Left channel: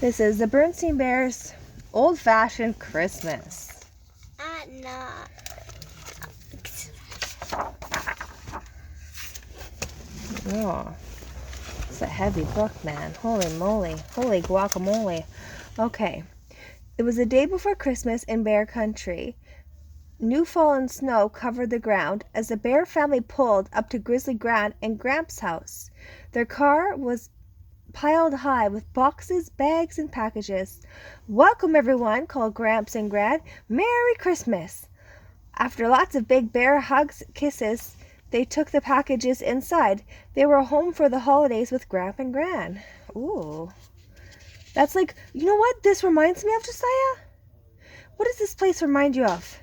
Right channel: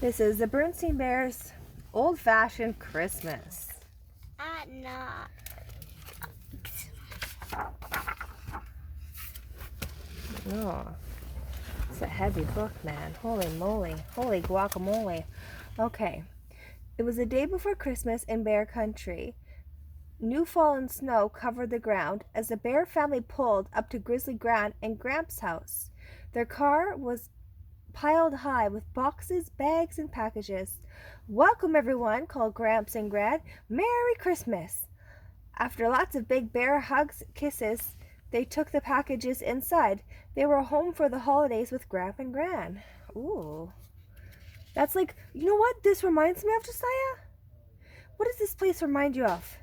This is the Berenstain Bears old-fashioned Christmas. No. Oh, it's a heavy book, man. Holy moly. Holy guacamole. Okay. It was the day before Christmas in Bear Country. New fallen snow covered the ground as the Bear family pulled up to Grizzly Gran and Gramps' house. Their car was piled high with boxes, bags, and packages. "Welcome, everyone," called Gramps and Gran. "Merry Christmas." After lots of big bear hugs, kisses, they took the packages inside. They were home for the holidays with Gramp and Gran. Ooh. That's like, you know what this reminds me of, Josiah? What does this place remind you of?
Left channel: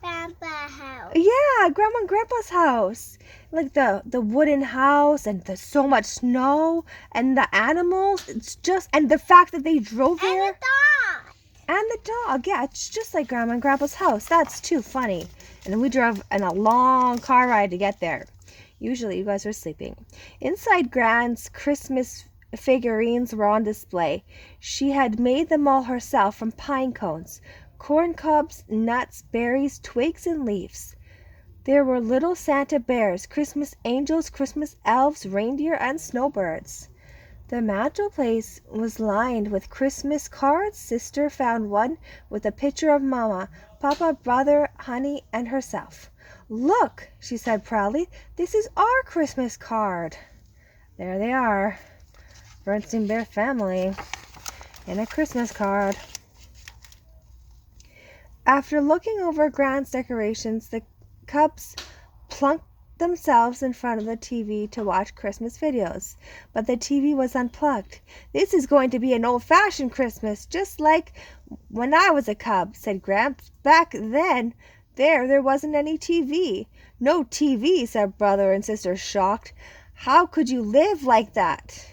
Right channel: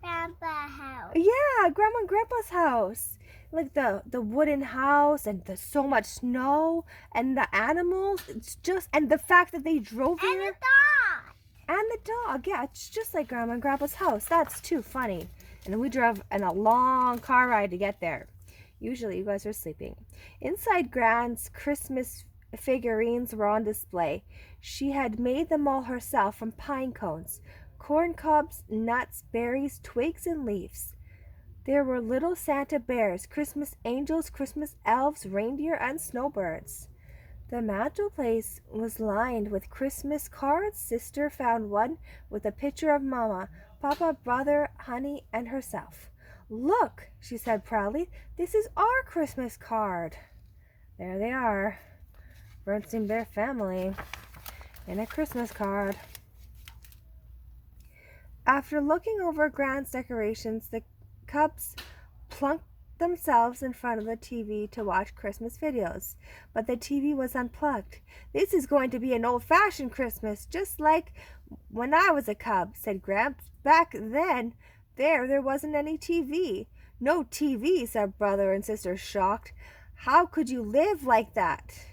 Grandpa's house. Yeah, Grandma and Grandpa's house. Like the wooden house and the so much snow and the animals. It's just, and the fact that they drove And there. the dog. And the dog. Yeah, it's just like Grandma and Grandpa's house. That's too funny. And then we drove in a long car ride to get there. Usually you guys were sleeping. Inside, Gran's Christmas figurines were on display. She had made them all herself from pine cones, corn cobs, nuts, berries, twigs, and leaves. There were little Santa bears, Christmas angels, Christmas elves, reindeer, and snowbirds. The mantelpiece was lined with Christmas cards. Sister found one with a picture of Mama, Papa, Brother, Honey, and herself. "Look," she said proudly, "this is our Christmas card." There they are, Berenstain Bear family, and a Christmas card. After looking over Gran's decorations, the cubs plunked themselves in front of the TV to watch Christmas videos. But the TV was unplugged. "This is going to be an old-fashioned Christmas, just like when I was a cub," said Gramps. "Back then, there wasn't any TV." "No TV," said Brother and Sister, shocked. "How could you live like that?"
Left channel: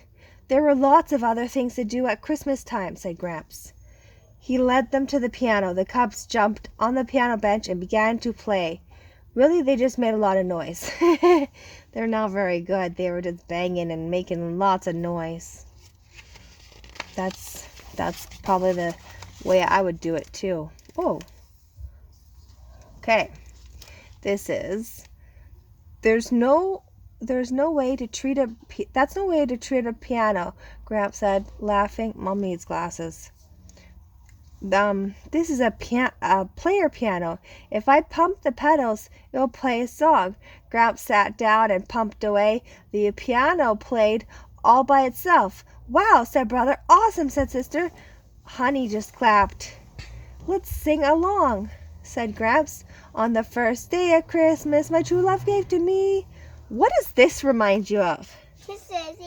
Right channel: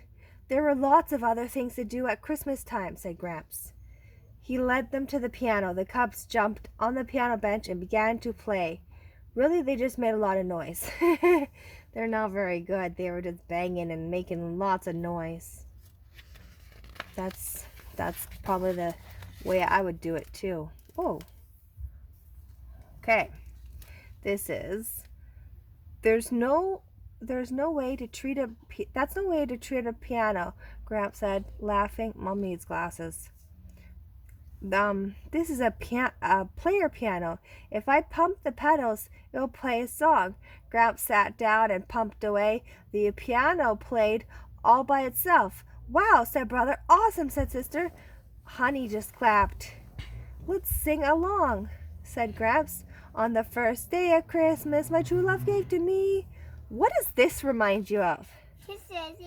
"There were lots of other things to do at Christmas time," said Gramps. He led them to the piano. The cubs jumped on the piano bench and began to play. Really, they just made a lot of noise. They're not very good. They were just banging and making lots of noise. That's probably the way I would do it too. Oh. Okay. This is there's no way to treat that's no way to treat a piano, Gramps said, laughing. Mom needs glasses. This is a player piano. If I pump the pedals, it'll play a song." Gramps sat down and pumped away. The piano played all by itself. "Wow," said Brother. "Awesome," said Sister. Honey just clapped. "Let's sing along," said Gramps. "On the first day of Christmas, my true love gave to me." What does this remind you of? Kisses.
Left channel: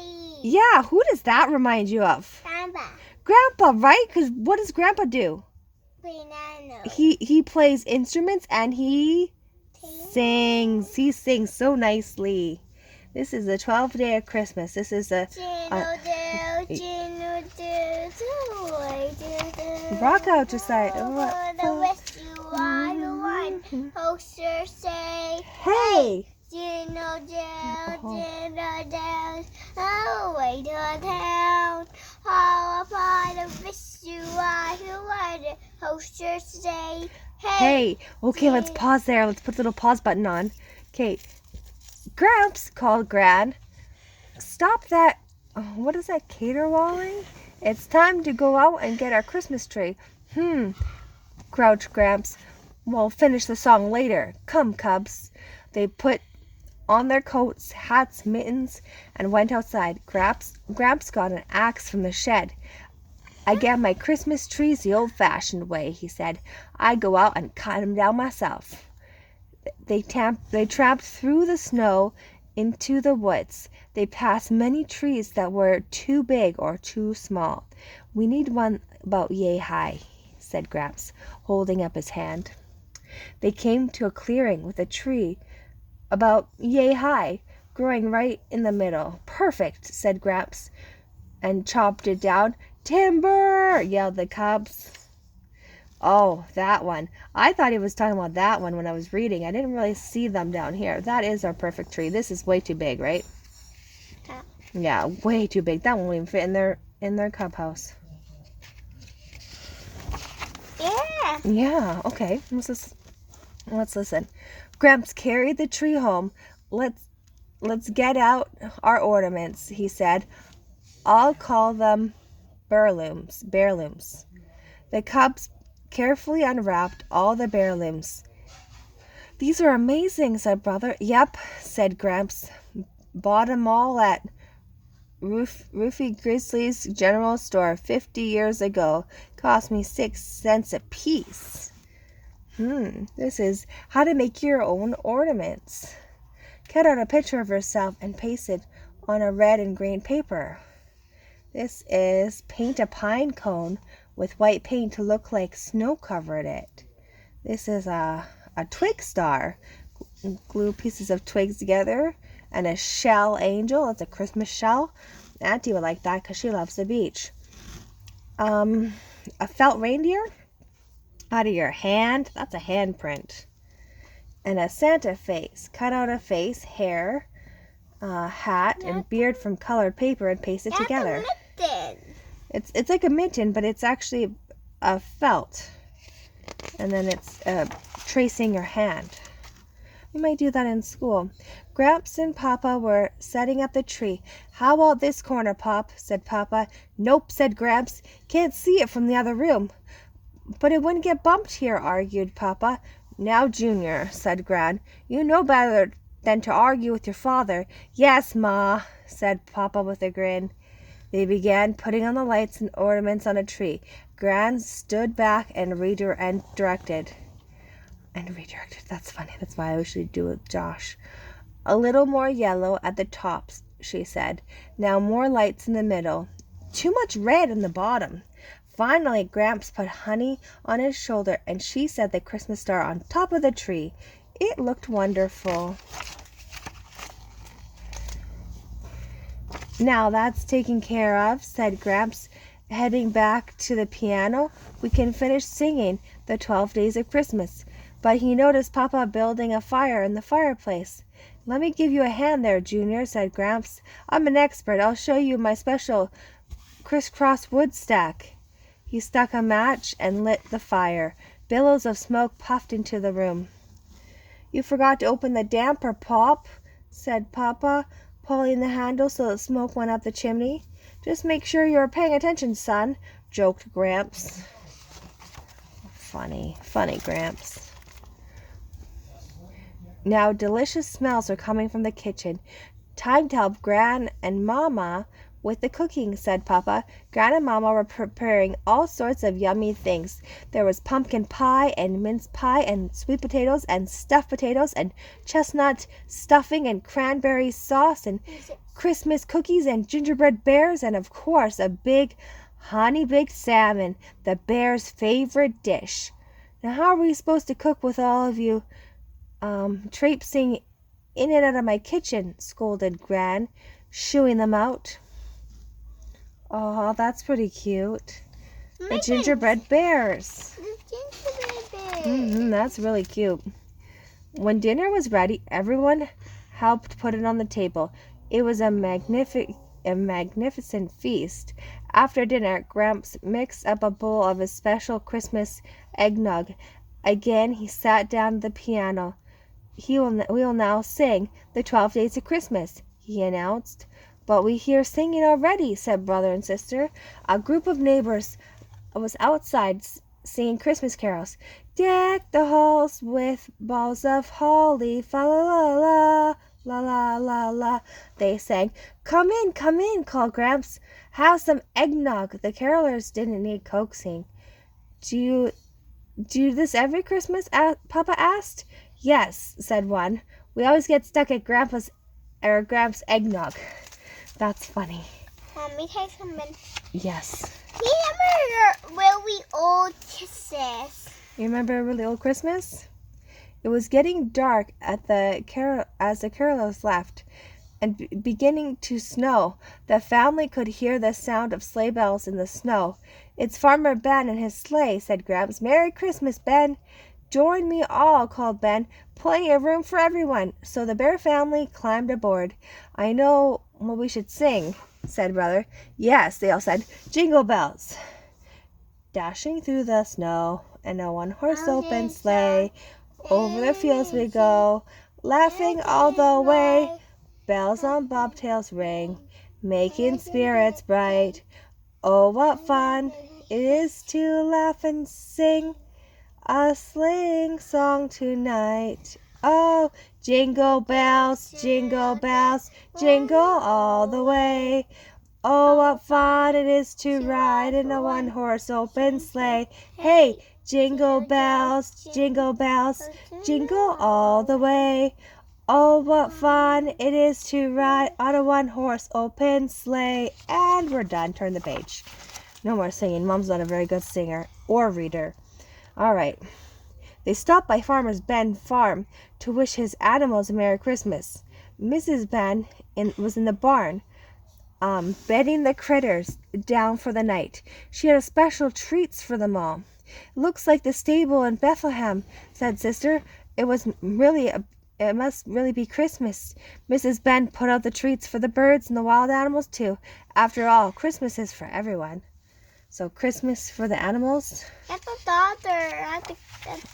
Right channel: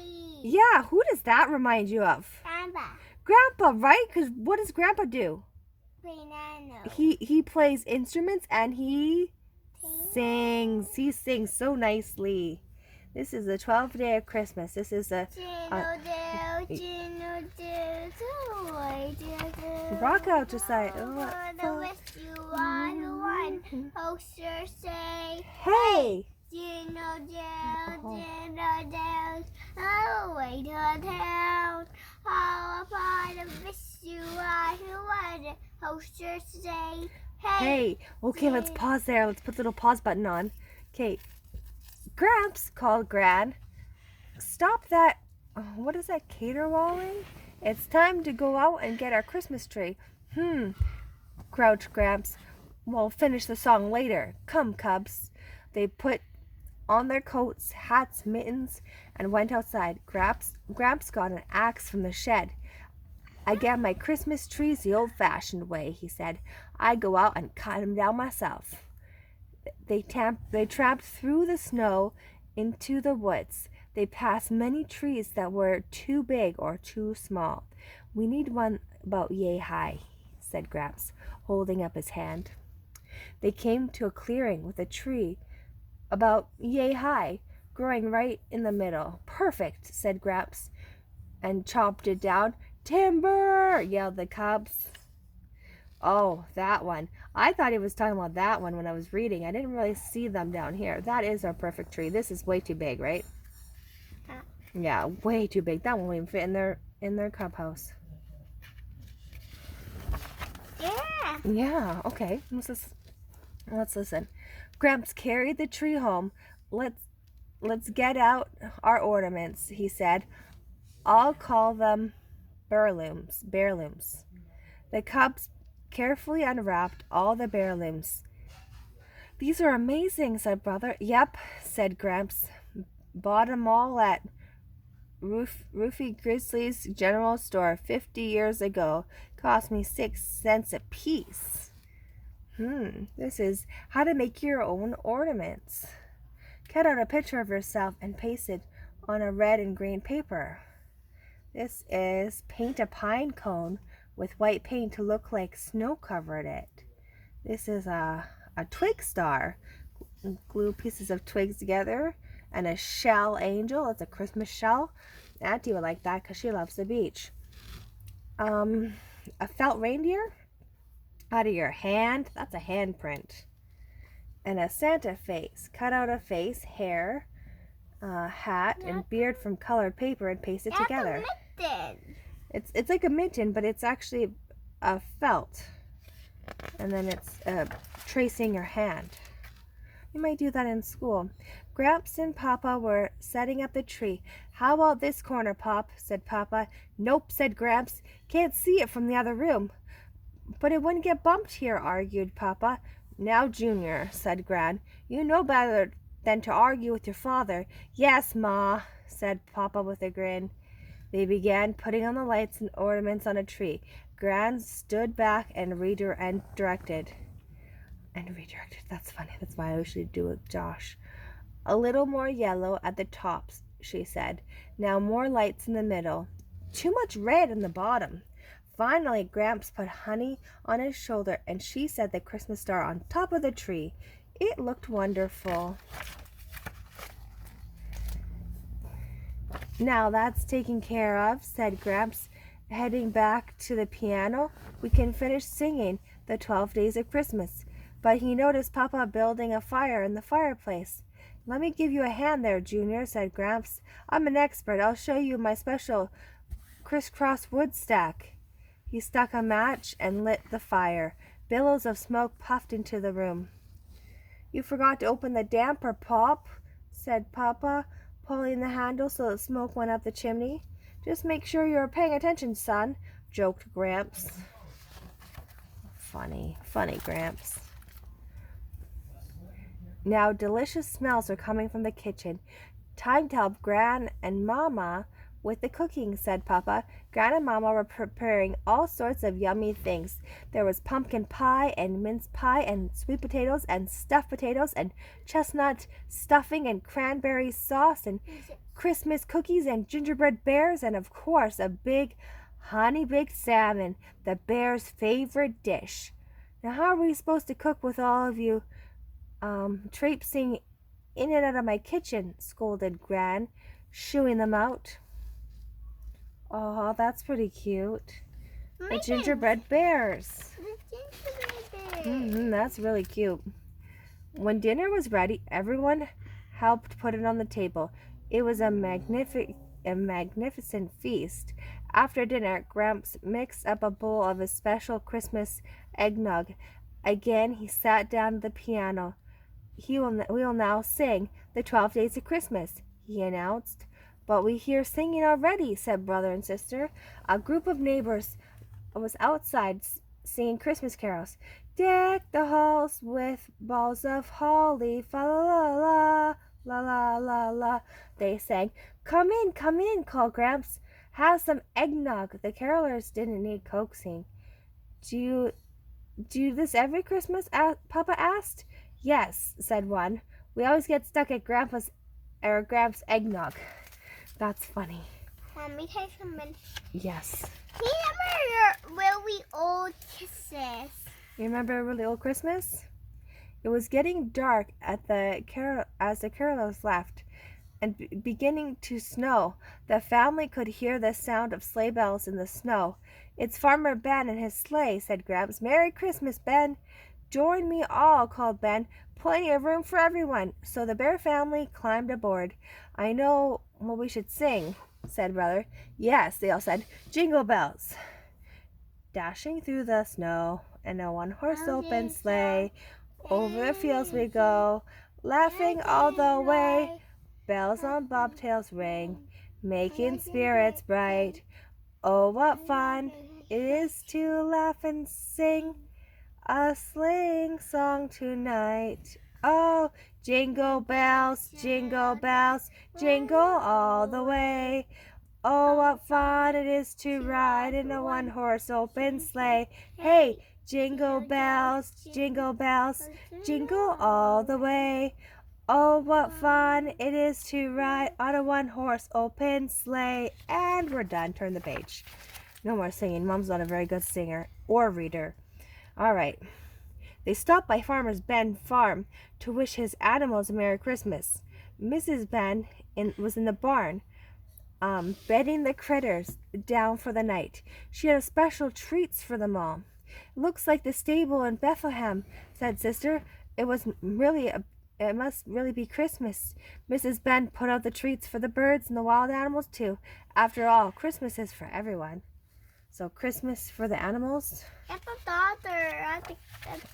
Yeah, who does that remind you of? Grandpa. Grandpa, right? Because what does Grandpa do? Piano. He plays instruments and he sings. He sings so nicely. This is the 12th day of Christmas. This is a Jingle bells, rock out, Josiah. the wish you are the one. Posters say, Hey! Jingle bells, away to town. All upon the wish you are the one. Posters say, Hey! Okay, let's pause there. Let's put the little pause button on. Okay. Gramps, called Gran. "Stop that. What is that, caterwauling? It's time to go out and get our Christmas tree." Grouched Gramps. "We'll finish the song later. Come, cubs." They put on their coats, hats, mittens, and went outside. Gramps got an axe from the shed. "I get my Christmas trees the old-fashioned way," he said. "I go out and cut 'em down myself." They tramped through the snow into the woods. They passed many trees that were too big or too small. "We need one about yay high," said Gramps, holding up his hand. They came to a clearing with a tree about yay high, growing right in the middle. "Perfect," said Gramps, and chopped it down. "Timber!" yelled the cubs. Oh, that one. I thought he was talking about that one when I was reading. I didn't really see them down here. That is our perfect tree. This is way too big, right? Yeah, way too big. That won't even fit in their cub house. Yeah. Yeah, okay. Let's listen. Gramps carried the tree home. Let's get out our ornaments, he said. I'll call them bearlooms. The cubs carefully unwrapped all the bearlooms. These are amazing, said Brother. Yep, said Gramps. Bought 'em all at Roofie Grizzly's general store 50 years ago. Cost me 6 cents a piece. This is how to make your own ornaments. Cut out a picture of yourself and paste it on a red and green paper. This is paint a pine cone with white paint to look like snow covered it. This is a twig star. Glue pieces of twigs together. And a shell angel. It's a Christmas shell. Auntie would like that because she loves the beach. A felt reindeer out of your hand. That's a handprint. And a Santa face. Cut out a face, hair, hat, and beard from colored paper and paste it together. It's like a mitten, but it's actually a felt. And then it's tracing your hand. You might do that in school. Gramps and Papa were setting up the tree. How about this corner, Pop? Said Papa. Nope, said Gramps. Can't see it from the other room. But it wouldn't get bumped here, argued Papa. Now, Junior, said Gran, you know better than to argue with your father. Yes, Ma, said Papa with a grin. They began putting on the lights and ornaments on a tree. Gran stood back and redirected. That's funny. That's why I should do it, Josh. A little more yellow at the tops, she said. Now more lights in the middle. Too much red in the bottom. Finally, Gramps put Honey on his shoulder, and she set the Christmas star on top of the tree. It looked wonderful. Now that's taken care of, said Gramps, heading back to the piano. We can finish singing the 12 Days of Christmas. But he noticed Papa building a fire in the fireplace. Let me give you a hand there, Junior, said Gramps. I'm an expert. I'll show you my special crisscross wood stack. He stuck a match and lit the fire. Billows of smoke puffed into the room. You forgot to open the damper, Pop, said Papa, pulling the handle so the smoke went up the chimney. Just make sure you're paying attention, son, joked Gramps. Funny Gramps. Now delicious smells were coming from the kitchen. Time to help Gran and Mama with the cooking, said Papa. Gran and Mama were preparing all sorts of yummy things. There was pumpkin pie and mince pie and sweet potatoes and stuffed potatoes and chestnut stuffing and cranberry sauce and Christmas cookies and gingerbread bears and, of course, a big honey-baked salmon, the bears' favorite dish. Now, how are we supposed to cook with all of you traipsing in and out of my kitchen? Scolded Gran, shooing them out. Oh, that's pretty cute. The gingerbread bears. That's really cute. When dinner was ready, everyone helped put it on the table. It was a magnificent feast. After dinner, Gramps mixed up a bowl of his special Christmas eggnog. Again, he sat down at the piano. We will now sing the 12 Days of Christmas, he announced. But we hear singing already, said brother and sister. A group of neighbors was outside singing Christmas carols. Deck the halls with balls of holly, fa la la la, la la la la, they sang. Come in, called Gramps. Have some eggnog. The carolers didn't need coaxing. Do you do this every Christmas? Papa asked. Yes, said one. We always get stuck at Gramps' eggnog. That's funny. Let me take something. Yes. Remember really old kisses? You remember a really old Christmas? It was getting dark as the carolers left and beginning to snow. The family could hear the sound of sleigh bells in the snow. It's Farmer Ben and his sleigh, said Gramps. Merry Christmas, Ben. Join me all, called Ben. Plenty of room for everyone. So the Bear family climbed aboard. I know what we should sing, said Brother. Yes, they all said. Jingle Bells. dashing through the snow, and a one-horse open sleigh. Over the fields we go, laughing all the way. Bells on bobtails ring, making spirits bright. Oh, what fun it is to laugh and sing a sleighing song tonight. Oh, jingle bells, jingle all the way. Oh, what fun it is to ride in a one-horse open sleigh. Hey, jingle bells, jingle all the way. Oh, what fun it is to ride on a one-horse open sleigh. And we're done. Turn the page. No more singing. Mom's not a very good singer or reader. All right. They stopped by Farmer Ben's farm to wish his animals a Merry Christmas. Mrs. Ben was in the barn, bedding the critters down for the night. She had special treats for them all. It looks like the stable in Bethlehem, said Sister. It must really be Christmas. Mrs. Ben put out the treats for the birds and the wild animals too. After all, Christmas is for everyone. So Christmas for the animals. That's a daughter. I think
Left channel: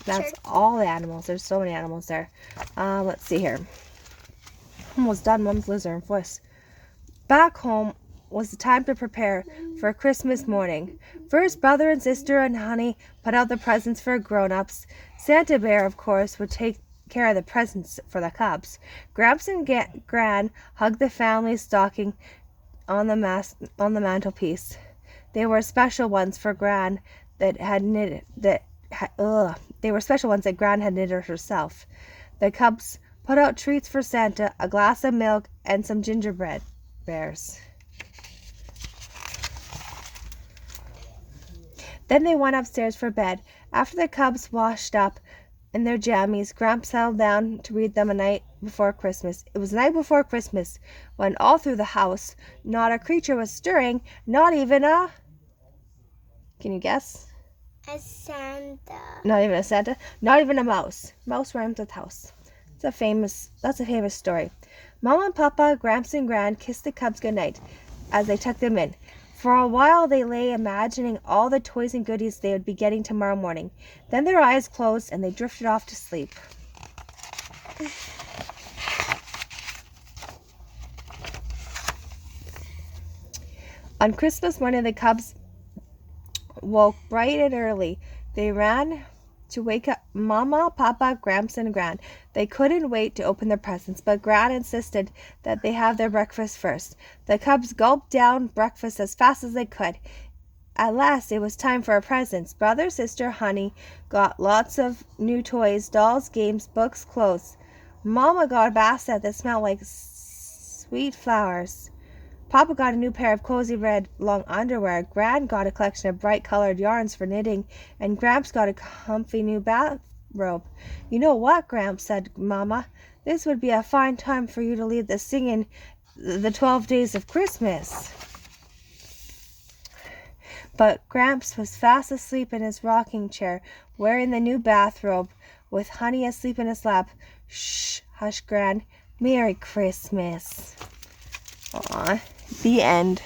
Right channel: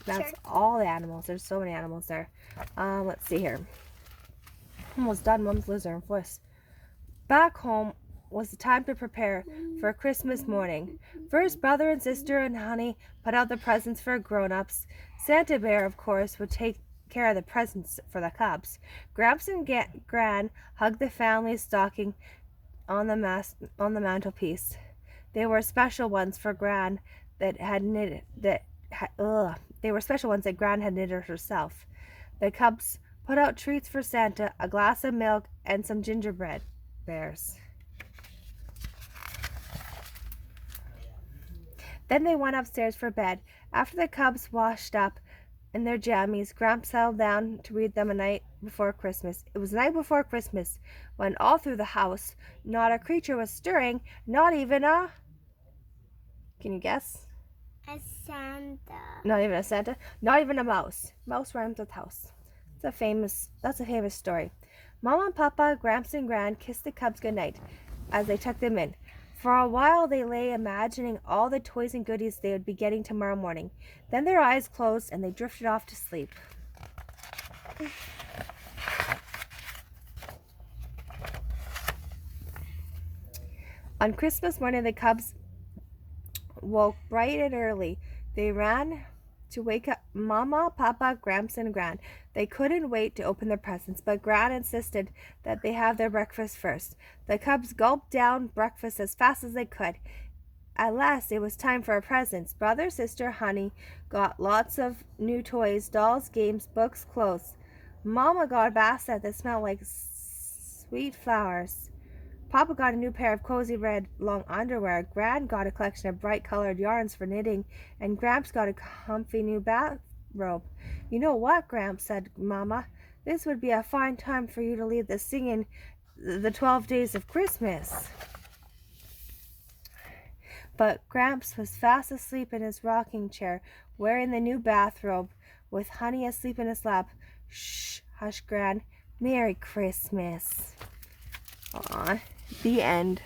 That's all the animals. There's so many animals there. Let's see here. Almost done. Mom's losing her voice. Back home was the time to prepare for Christmas morning. First, brother and sister and Honey put out the presents for grown-ups. Santa Bear, of course, would take care of the presents for the cubs. Gramps and Gran hugged the family stocking on the mantelpiece. They were special ones for Gran that had knitted They were special ones that Gran had knitted herself. The cubs put out treats for Santa, a glass of milk, and some gingerbread bears. Then they went upstairs for bed. After the cubs washed up in their jammies, Gramps settled down to read them a night before Christmas. It was the night before Christmas when all through the house not a creature was stirring, not even a... Can you guess? A Santa. Not even a Santa. Not even a mouse. Mouse rhymes with house. That's a famous story. Mama and Papa, Gramps and Gran kissed the cubs goodnight as they tucked them in. For a while they lay imagining all the toys and goodies they would be getting tomorrow morning. Then their eyes closed and they drifted off to sleep. On Christmas morning, the cubs woke bright and early. They ran to wake up Mama, Papa, Gramps, and Gran. They couldn't wait to open their presents, but Gran insisted that they have their breakfast first. The cubs gulped down breakfast as fast as they could. At last, it was time for our presents. Brother, sister, Honey got lots of new toys, dolls, games, books, clothes. Mama got a basket that smelled like sweet flowers. Papa got a new pair of cozy red long underwear. Gran got a collection of bright colored yarns for knitting, and Gramps got a comfy new bathrobe. You know what, Gramps, said Mama, this would be a fine time for you to lead the singing the 12 days of Christmas. But Gramps was fast asleep in his rocking chair, wearing the new bathrobe, with Honey asleep in his lap. Shh, hush, Gran. Merry Christmas. Aw, the end.